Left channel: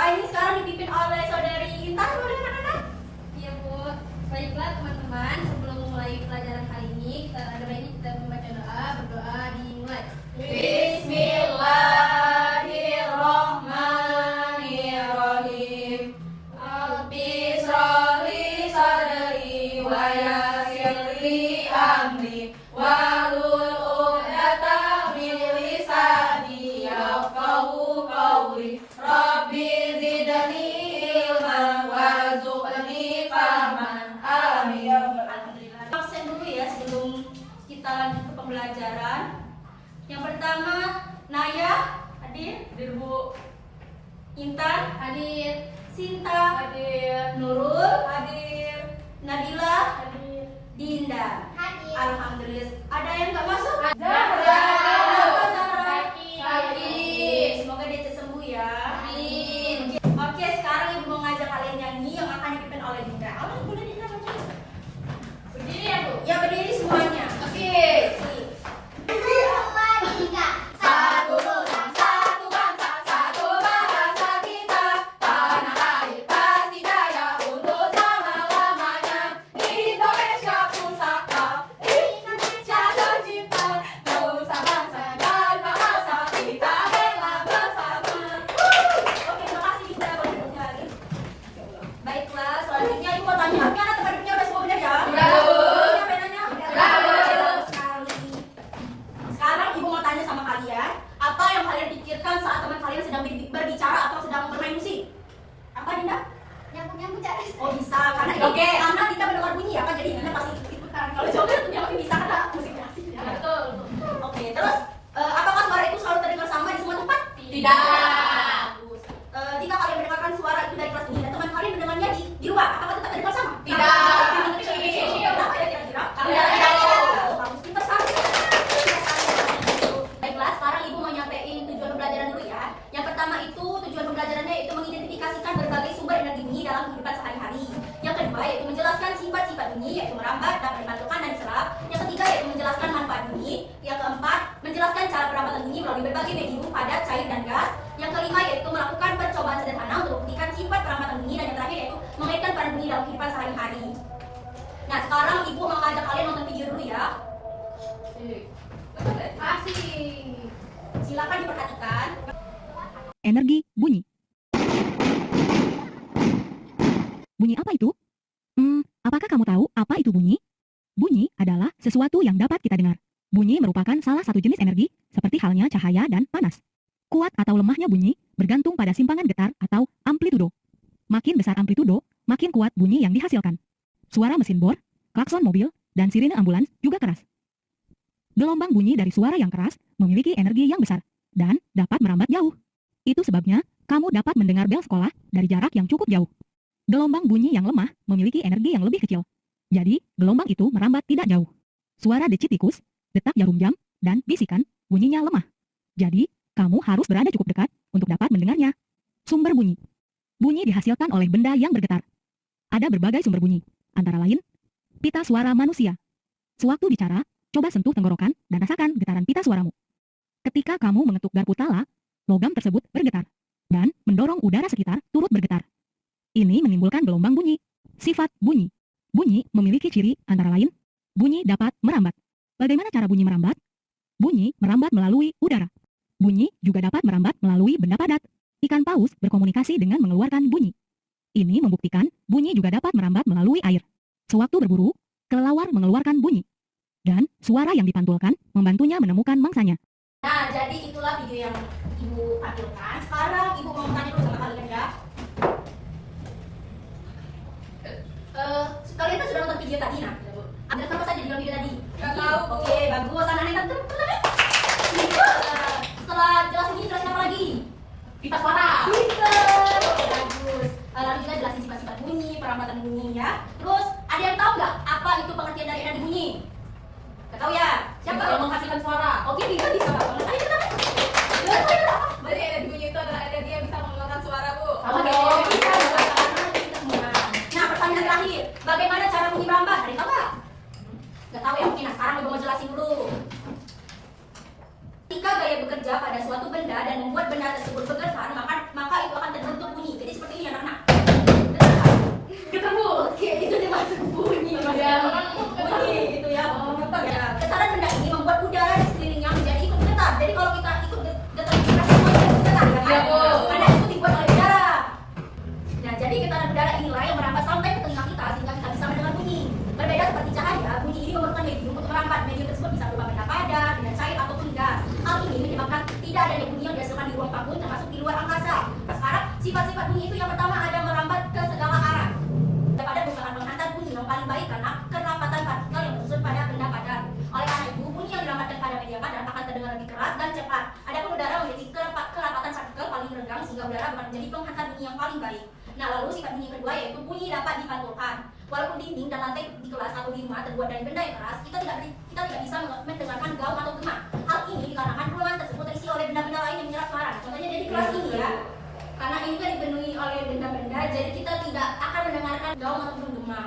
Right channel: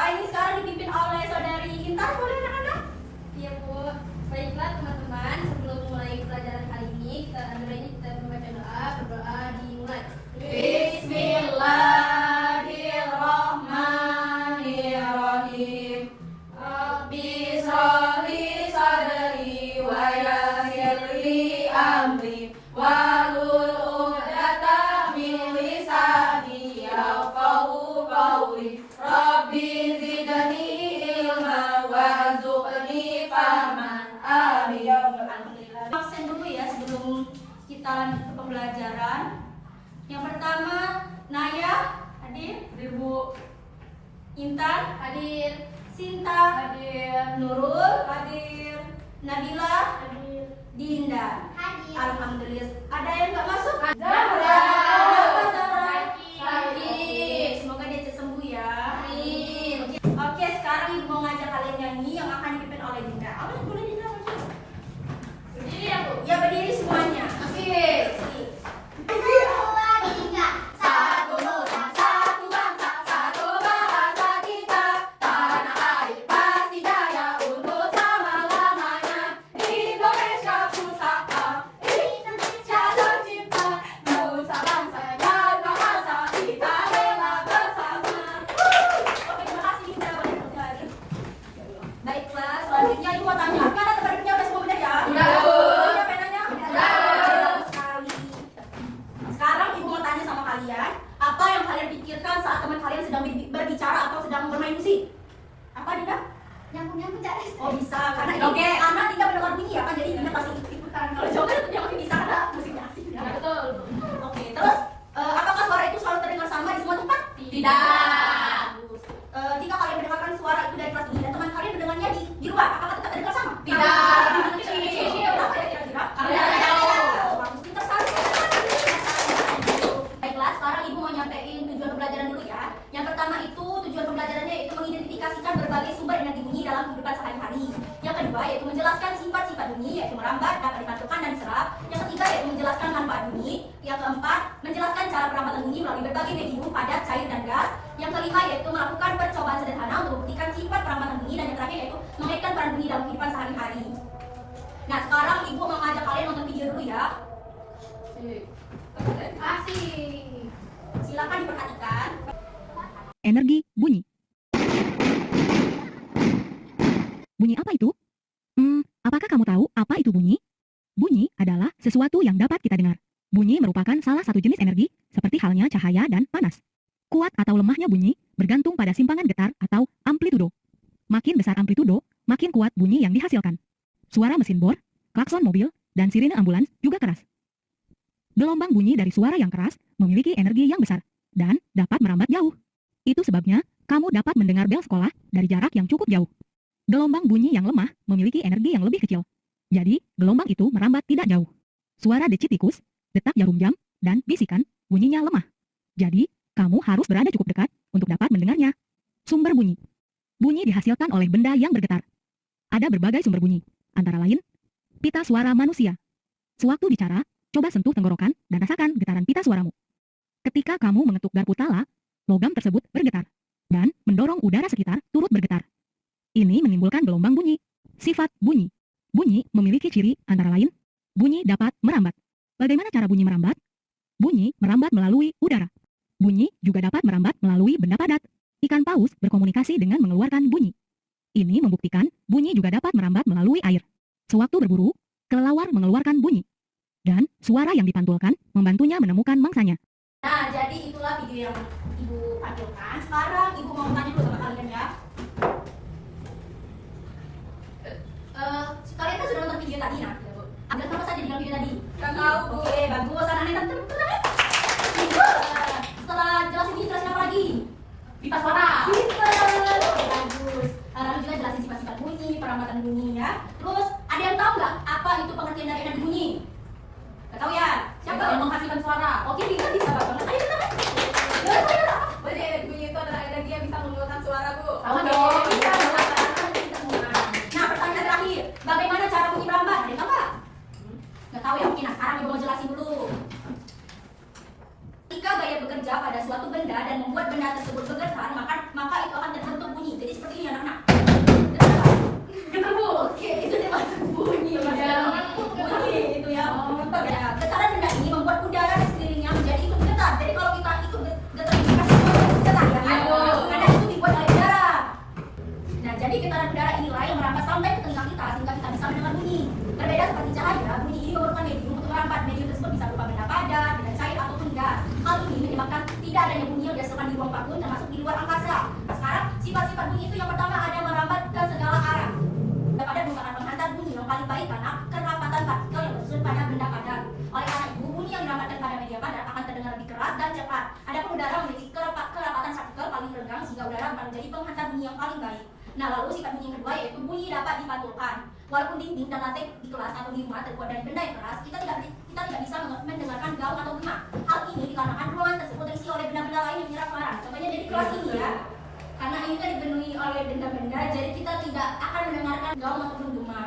Ini sekarang dipimpin oleh saudari Intan. Boleh anak-anak? Iya Bu. Baiklah teman-teman, sebelum mulai pelajaran kali ini kita membaca doa. Berdoa dimulai. Bismillahirrahmanirrahim. Rabbi shrah li sadri wa yassir li amri wahlul 'uqdatam min lisani yafqahu qawli. Rabbi zidni ilma warzuqni fahman. Amin ya rabbal alamin. Absen dulu ya sebelum kita lanjut ke pembelajaran. Yang pertama, Naya hadir, Bu. Intan hadir, Sinta hadir, Nurul hadir, Nabila hadir, Dinda Hadir. Alhamdulillah. Ada yang nggak masuk? Zahra. Hadir. Semoga dia cepat sembuh ya. Amin. Oke, sekarang Ibu mau ngajak kalian nyanyi yang akan dipimpin oleh Dinda. Apa boleh Dinda baca? Berdiri ya Bu. Ya berdiri semuanya. Oke. Satu nusa, satu bangsa, satu bahasa kita. Tanah air pasti jaya untuk selama-lamanya. Indonesia pusaka, Indonesia tercipta. Nusa bangsa dan bahasa kita rela bersama. Oke, terima kasih Dinda. Lagi. Baiklah, selanjutnya Ibu mau tanya. Kan ada tempat duduknya udah semua benar ya? Udah, Bu. Punya penanya? Udah. Sekarang Ibu mau tanya sama kalian, apa yang kalian pikirkan saat teman kalian sedang berbicara atau sedang bermain musik? Apa Dinda? Nyambung cari. Oh bisa, karena karena Dinda mendengar bunyi ya kan, jadi Dinda pasti ikutan. Kalau jawabnya dia lebih bisa karena musiknya asik. Ya, betul. Oke, terus apakah suara itu selalu terdengar sama di semua tempat? Tidak. Bagus. Jika kalian mendengarkan suara itu dari kelas ini dan teman kalian mendengarnya di luar, apakah tetap terdengar sama? Tidak. Kenapa ya kira-kira? Karena tidak tahu. Bagus, pintar sekali. Baiklah, sekarang Ibu mau nyampein tujuan pembelajaran dulu ya. Yang pertama itu tujuan pembelajarannya itu mengidentifikasikan berbagai sumber energi bunyi dalam kehidupan sehari-hari. Yang kedua yaitu menjelaskan sifat-sifat bunyi yaitu merambat, dapat dipantulkan dan diserap. Yang ketiga yaitu menjelaskan manfaat bunyi. Yang keempat menjelaskan cara perambatan bunyi melalui berbagai medium padat, cair dan gas. Yang kelima yaitu melakukan percobaan sederhana untuk membuktikan sifat perambatan bunyi, dan yang terakhir yaitu mengaitkan peran bunyi dalam kehidupan sehari-hari. Nah sekarang Ibu mau ngajak kalian nonton video dulu ya. Asik. Silakan diperhatikan. Energi bunyi. Bunyi apa itu? Apakah kamu tahu apa itu bunyi? Bunyi adalah sesuatu yang dapat kita dengar. Bunyi merupakan salah satu jenis energi, seperti halnya cahaya dan panas. Kuat atau lemahnya bunyi bergantung pada simpangan getar atau amplitudo. Makin besar amplitudo, makin kuat bunyi yang dihasilkan. Suara mesin bor, klakson mobil, dan sirine ambulans juga keras. Gelombang bunyi dari suara yang keras memiliki energi yang besar dan dapat merambat jauh. Itu sebabnya kamu dapat mendengar bel sekolah dari jarak yang cukup jauh. Gelombang bunyi yang lemah memiliki energi yang lebih kecil. Jadi, gelombang itu merambat tidak jauh. Suara decit tikus, detak jarum jam, dan bisikan bunyinya lemah. Jadi, kamu harus berada cukup dekat untuk dapat mendengarnya. Sumber bunyi. Bunyi dihasilkan oleh benda yang bergetar. Ada berbagai sumber bunyi, antara lain pita suara manusia. Sewaktu bicara, coba sentuh tenggorokan dan rasakan getaran pita suaramu. Ketika kamu mengetuk garpu tala, logam tersebut bergetar dan mendorong udara sekitar turut bergetar. Ini menimbulkan gelombang bunyi. Sifat bunyi. Bunyi memiliki ciri antara lain, bunyi dapat merambat. Bagaimana cara bunyi merambat? Bunyi merambat melalui udara. Bunyi juga dapat merambat melalui benda padat. Ikan paus berkomunikasi dengan mengeluarkan bunyi. Ini membuktikan bunyi juga dapat merambat melalui air. Sewaktu berburu, kelelawar mengeluarkan bunyi. Dan suara yang dipantulkan membantunya menemukan mangsanya. Nah, jadi itulah video yang Ibu tampilkan. Sekarang Ibu mau tanya dulu sama kalian ya. Kalian kan sudah nonton video tadi, nah. Ambil apa saja di dalam video tadi? Nggak tahu, Bu. Oke, bagus. Anak-anak yang tenang. Setelah jelasin ini, jelasin apa lagi? Pipa suara. Pinter. Oke, bagus. Lalu juga jelasin sifat-sifat bunyi, perambatan bunyi ya. Terus, ada yang tahu nggak apa itu pengertian dari energi bunyi? Nggak tahu ya? Siapa? Yang menghasilkan suara. Oke, bisa banget. Ayo kita. menghantar bunyi yang paling baik. Nah, lalu sifat bunyi yang kedua yaitu bunyi dapat dipantulkan. Walaupun dinding dan lantai di kelas atau di rumah terbuat dari benda yang keras, kita tidak bisa mendengarkan gaung atau gema. Hal ini dikarenakan ruangan tersebut terisi oleh benda-benda lain yang menyerap suara. Contohnya dari kelas ini ya. Karena ini kan dipenuhi oleh benda-benda, jadi kita tidak akan mendengarkan gaung atau gema.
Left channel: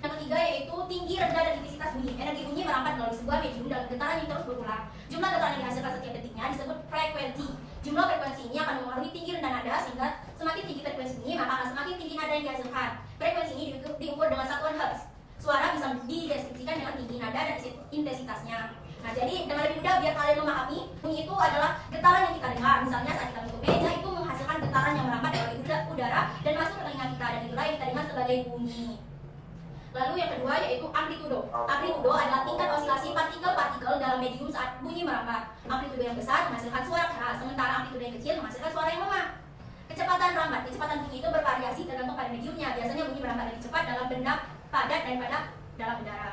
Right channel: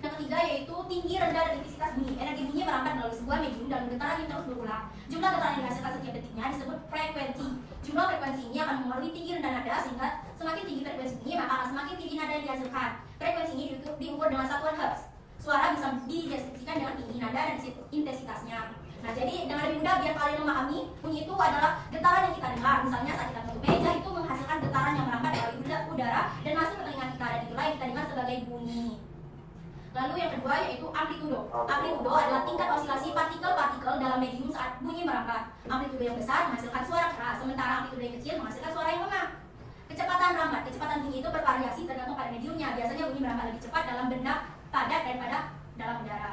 Yang ketiga yaitu tinggi, rendah, dan intensitas bunyi. Energi bunyi merambat melalui sebuah medium dalam getaran yang terus berulang. Jumlah getaran yang dihasilkan setiap detiknya disebut frekuensi. Jumlah frekuensi ini akan mempengaruhi tinggi rendah nada, sehingga semakin tinggi frekuensi bunyi maka akan semakin tinggi nada yang dihasilkan. Frekuensi ini diukur dengan satuan hertz. Suara bisa dideskripsikan dengan tinggi nada dan intensitasnya. Nah, jadi dengan lebih mudah biar kalian memahami, bunyi itu adalah getaran yang kita dengar. Misalnya saat kita menyentuh meja itu menghasilkan getaran yang merambat melalui udara dan masuk ke telinga kita, dan itulah yang kita dengar sebagai bunyi. Lalu yang kedua yaitu amplitudo. Amplitudo adalah tingkat osilasi partikel-partikel dalam medium saat bunyi merambat. Amplitudo yang besar menghasilkan suara keras, sementara amplitudo yang kecil menghasilkan suara yang lemah. Kecepatan rambat, kecepatan bunyi itu bervariasi tergantung pada mediumnya. Biasanya bunyi merambat lebih cepat dalam benda padat daripada dalam udara.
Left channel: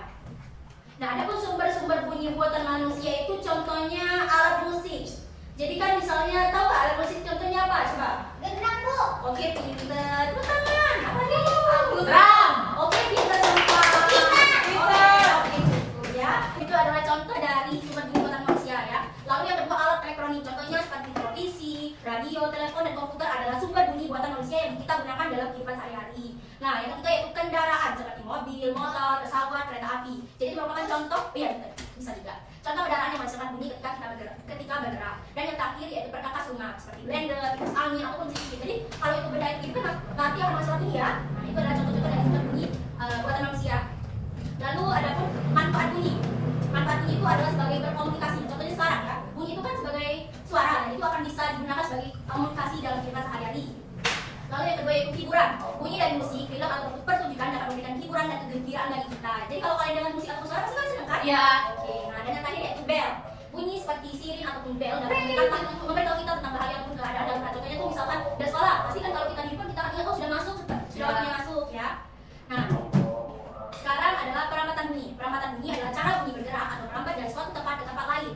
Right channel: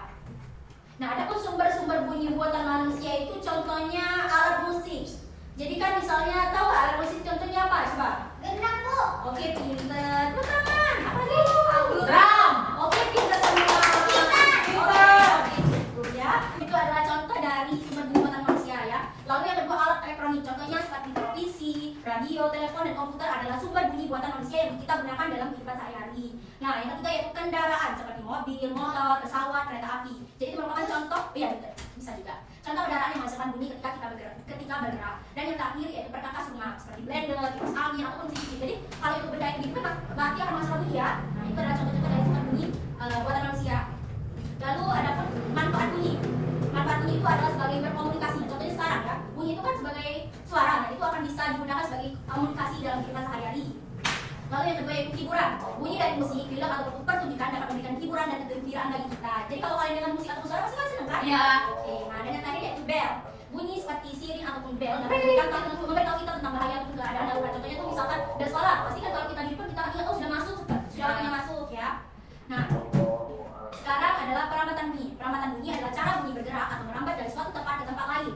Nah, ada pun sumber-sumber bunyi buatan manusia itu contohnya alat musik. Jadi kan misalnya tahu alat musik contohnya apa? Coba. Gendang, Bu. Oke, pinter. Tangan. Apa lagi? Drum. Oke, pinter semua. Gitar. Oke, ya. Itu adalah contoh dari sumber bunyi buatan manusia ya. Lalu yang kedua alat elektronik. Contohnya seperti televisi, radio, telepon, dan komputer adalah sumber bunyi buatan manusia yang kita gunakan dalam kehidupan sehari-hari. Nah, yang ketiga yaitu kendaraan seperti mobil, motor, pesawat, kereta api. Jadi itu merupakan contoh, ya bisa juga. Contoh kendaraan yang menghasilkan bunyi ketika bergerak. Dan yang terakhir yaitu perkakas rumah seperti blender, kipas angin, ataupun CD. Jadi kalau itu benda yang gitu kan berarti akan menghasilkan bunyi ya. Nah, itu adalah contoh-contoh dari sumber bunyi buatan manusia. Lalu ada pun manfaat bunyi. Manfaat bunyi itu adalah sebagai berkomunikasi. Contohnya sekarang ya, bunyi itu kan sebagai suara, dan itu akan bisa digunakan sebagai komunikasi dalam kehidupan sehari-hari. Lalu yang kedua yaitu hiburan. Bunyi dari musik, film, ataupun pertunjukan dapat memberikan hiburan dan kegembiraan bagi kita. Jadi kalau kalian dengar musik atau suara pasti kalian senang kan? Ya. Oke, nah dan yang terakhir yaitu bell. Bunyi seperti sirine ataupun bell dapat memberitahu kita tentang bahaya ataupun keadaan darurat. Contohnya tuh misalkan ada suara, pasti kan kalau kita di depan kita akan ingat oh sudah masuk, sudah waktunya masuk ya. Nah, sekarang adalah perampatan bunyi. Perampatan bunyi adalah cara bunyi bergerak atau merambat dari suatu tempat ke tempat lain.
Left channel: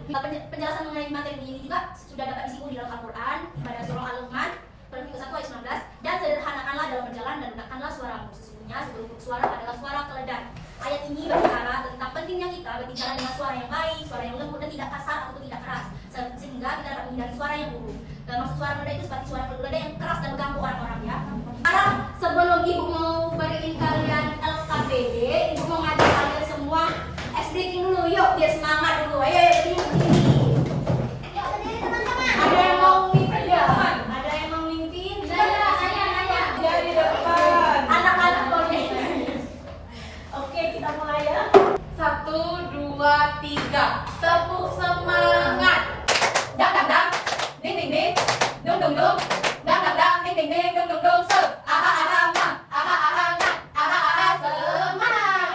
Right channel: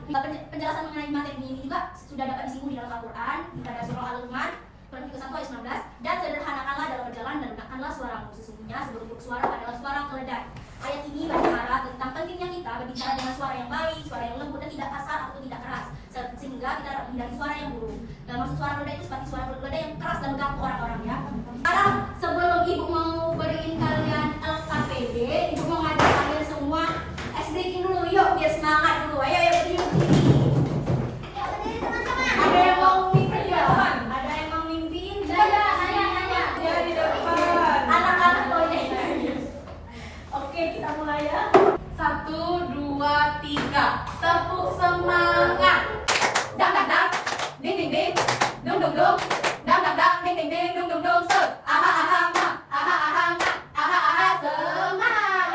Penjelasan mengenai materi bunyi ini juga sudah dapat disinggung di dalam Al-Quran pada surah Al-Luqman Surat 1 ayat 19, dan sederhanakanlah dalam berjalan dan gunakanlah suaramu. Sesungguhnya seluruh bentuk suara adalah suara keledai. Ayat ini berbicara tentang pentingnya kita berbicara dengan suara yang baik, suara yang lembut dan tidak kasar atau tidak keras, sehingga kita dapat menghindari suara yang buruk. Dan maksud suara keledai itu seperti suara keledai yang keras dan mengganggu orang-orang ya. Sekarang sebelum ibu mau beriin kalian LKPD, ibu mau ngajak kalian semua ice breaking dulu, yuk biar semangat dulu. Ayo berdiri. Yuk, berdiri teman-teman. Ada yang mau mimpin ya? Ada yang mau mimpin? Nanya. Dari depan. Anak-anak boleh. Oke, kita mulai ya. 1, 2, 3. Tepuk semangat. Dang dang dang, ding ding ding, dung dung dung. Dang dang dang, ding ding ding, dung dung dung. Aha aha ma, aha aha na, aha aha semangat.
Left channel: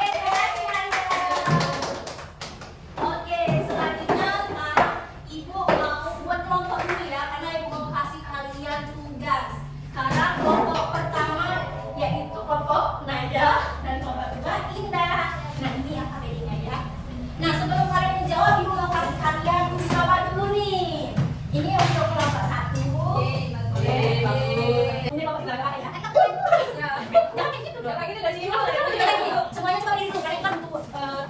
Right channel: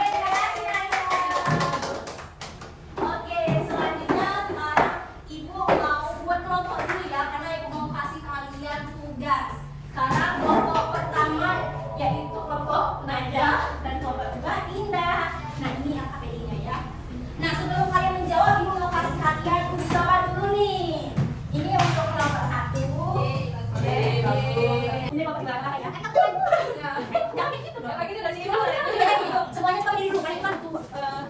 Oke, selanjutnya sekarang ibu mau buat kelompok dulu ya, karena ibu mau kasih kalian tugas. Sekarang kelompok pertama yaitu kelompok nada dan kelompok kedua indah. Nah ini AKPD-nya ya. Nah sebelum kalian menjawab, ibu mau kasih kalian uji coba dulu nih. Ini untuk kelompok 1. Ini kelompok belakang ya. Jangan gitu dong. Kayak gitu gak sih? Semuanya coba diri dulu, kalian kan tunggu.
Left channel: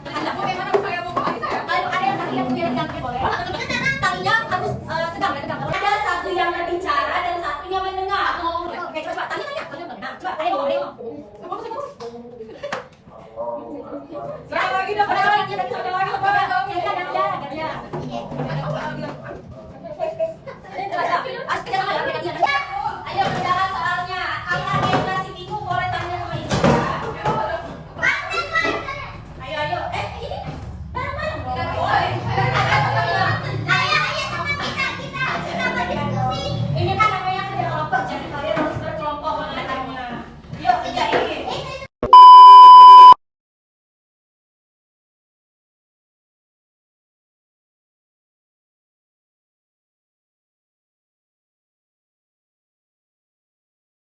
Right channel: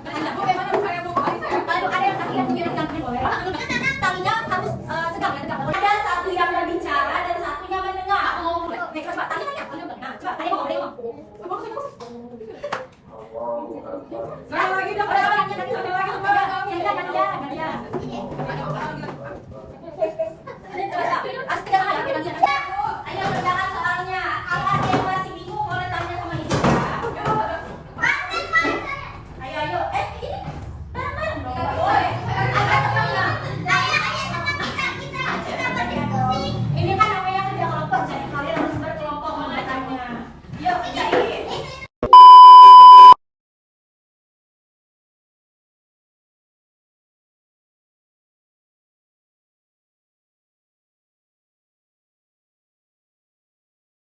Bagaimana saya mau pakai saya? Lalu ada yang kaki yang punya pegang boleh. Talinya harus tegak ya, tegak. Ada satu yang berbicara dan satu yang mendengar. Oke, coba tanya. Nah, coba kalian ngomong. Sekali lagi dah. Orang lagi tadi sampai lagi gantian. Ayo saudara soalnya. Kalau ada yang ngasih bingung boleh tanya sama ibu ya. Ayo. Ini bareng-bareng dong. Boleh. Ini kan namanya kerja kelompok, jadi kalian harus berkelompok mengatanya. Yuk, kerjain.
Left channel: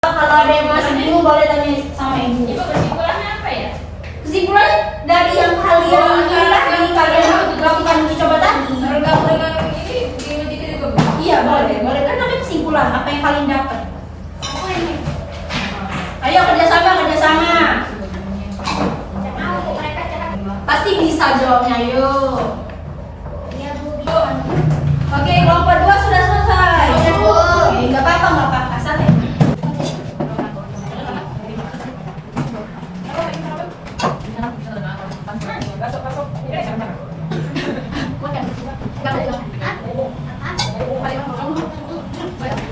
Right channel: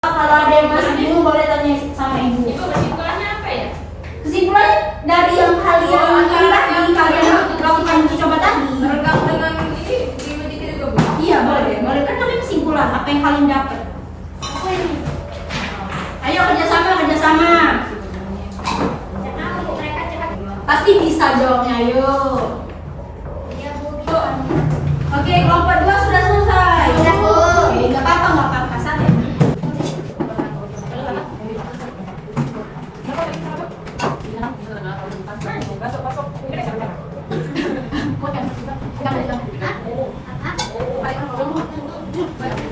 Kalau ada yang masih bingung boleh tanya sama ibu. Ibu kesimpulannya apa ya? Kesimpulan dari yang kalian lakukan uji coba tadi. Bergabung dengan ini di juga Bu. Iya boleh. Kan namanya kesimpulan apa yang kalian dapat. bisa jawabnya, yuk. Oke, kelompok 2 sudah selesai. Oke, nggak apa-apa, santai.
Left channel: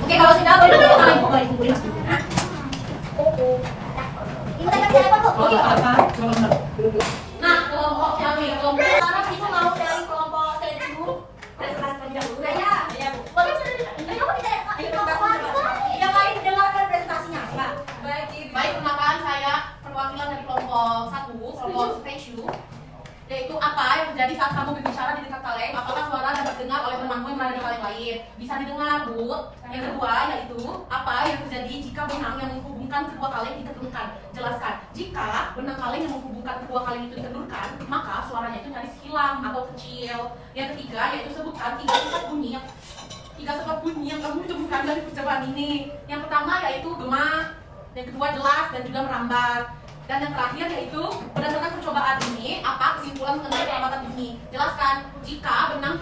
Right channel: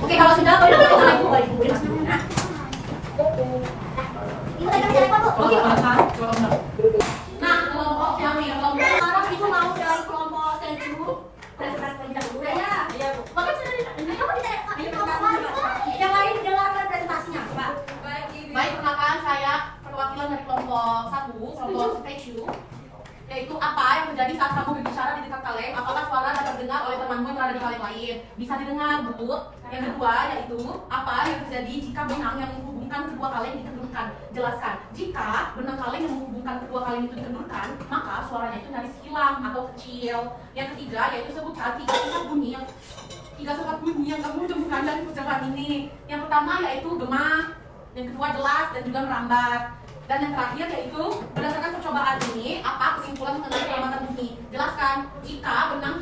Oke, kalau sudah boleh balik kumpulin. Oke, apa? Nah, kelompok kami, kelompok sekarang ibu mau dari kelompok seju presentasi terlebih dahulu ya. Oke, sudah yang lain dengarkan presentasinya. Ya. Baik, perkenalkan saya perwakilan dari kelompok 1, kelompok statue. Yaitu apa yang terjadi saat kamu berbicara di dekat kaleng, apakah suara dapat dengar oleh temanmu yang berada di kaleng lain? Bisa didengar, Bu. Yang kedua yaitu apa yang terjadi jika benang yang menghubungkan kedua kaleng dikendurkan? Jelaskan. Jika benang kaleng yang menghubungkan kedua kaleng itu dikendurkan, maka suaranya itu nyaris hilang atau kecil. Yang ketiga yaitu sebutkan 3 sifat bunyi yang kamu temukan dari percobaan ini. Yang pertama yaitu gema, yang kedua jelas dan juga merambat. Dan yang terakhir yaitu berdasarkan percobaan ini, apa kesimpulan mengenai perlambatan bunyi? Jelaskan. Jika benang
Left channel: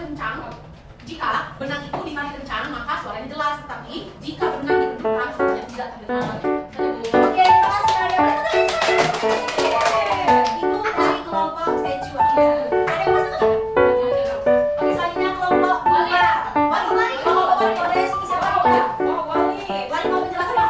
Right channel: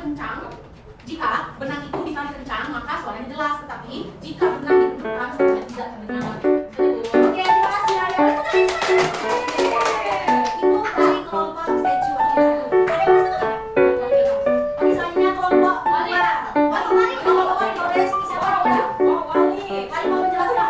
itu ditarik kencang, maka suaranya jelas. Tetapi jika benang dikendurkan, suaranya tidak terdengar. Oke, terima kasih Arya. Itu dari kelompok seju. Ada yang masuk nggak? Oke, selanjutnya kelompok 2. Wali, boleh sini siapa boleh? Wali mau menjelaskan.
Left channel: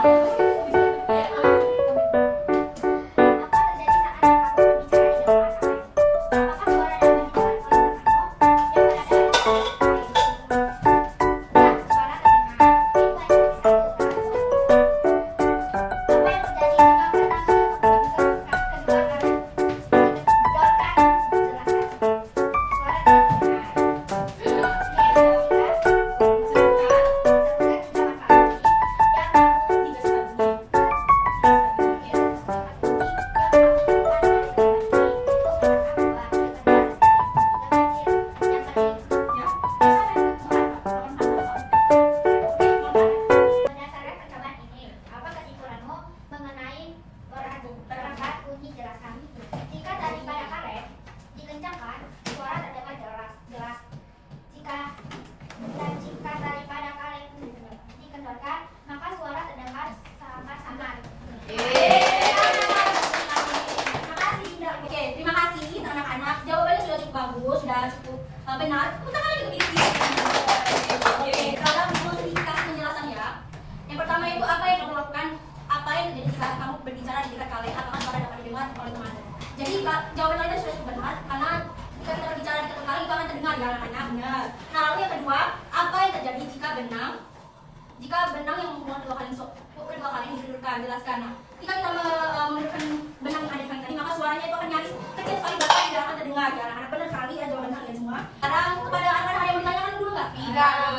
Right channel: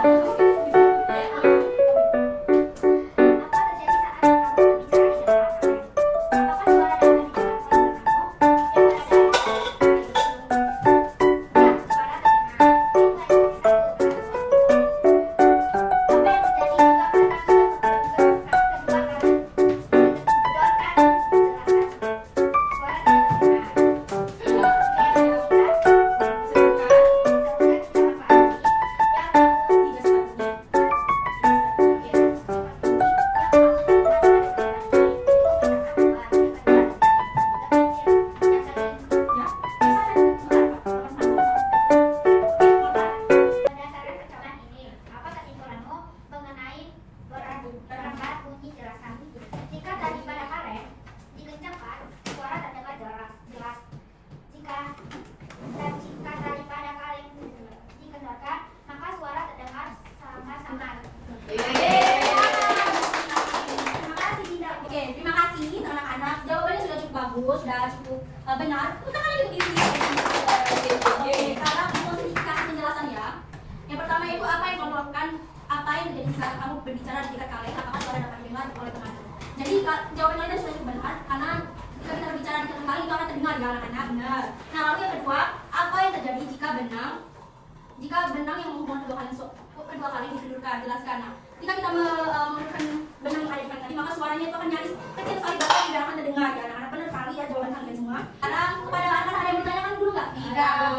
Sudah cukup benar. Kita kali ini. Oke, sekarang simplifikasi penjelasan ya. Yang pertama itu apa yang kamu lakukan, apa yang terjadi saat kamu berbicara di dekat kaleng, apakah suara dapat didengar oleh teman. Jadi jawaban kalian sudah cukup benar karena jika kita berbicara di dekat kaleng itu akan terdengar ya anak-anak. Benar. Nah, lalu yang kedua, apa yang terjadi jika benang yang menghubungkan kedua kaleng dikendurkan? Jelaskan. Nah, jika kita menggunakan benang yang ada di kaleng tadi, maka suaranya itu akan nyaris kecil sekali bahkan tidak akan terdengar ya anak-anak. Benar sekali ya jawaban kalian semua. Sekarang kepada anak-anak ada yang bertanya dulu nggak? Tidak.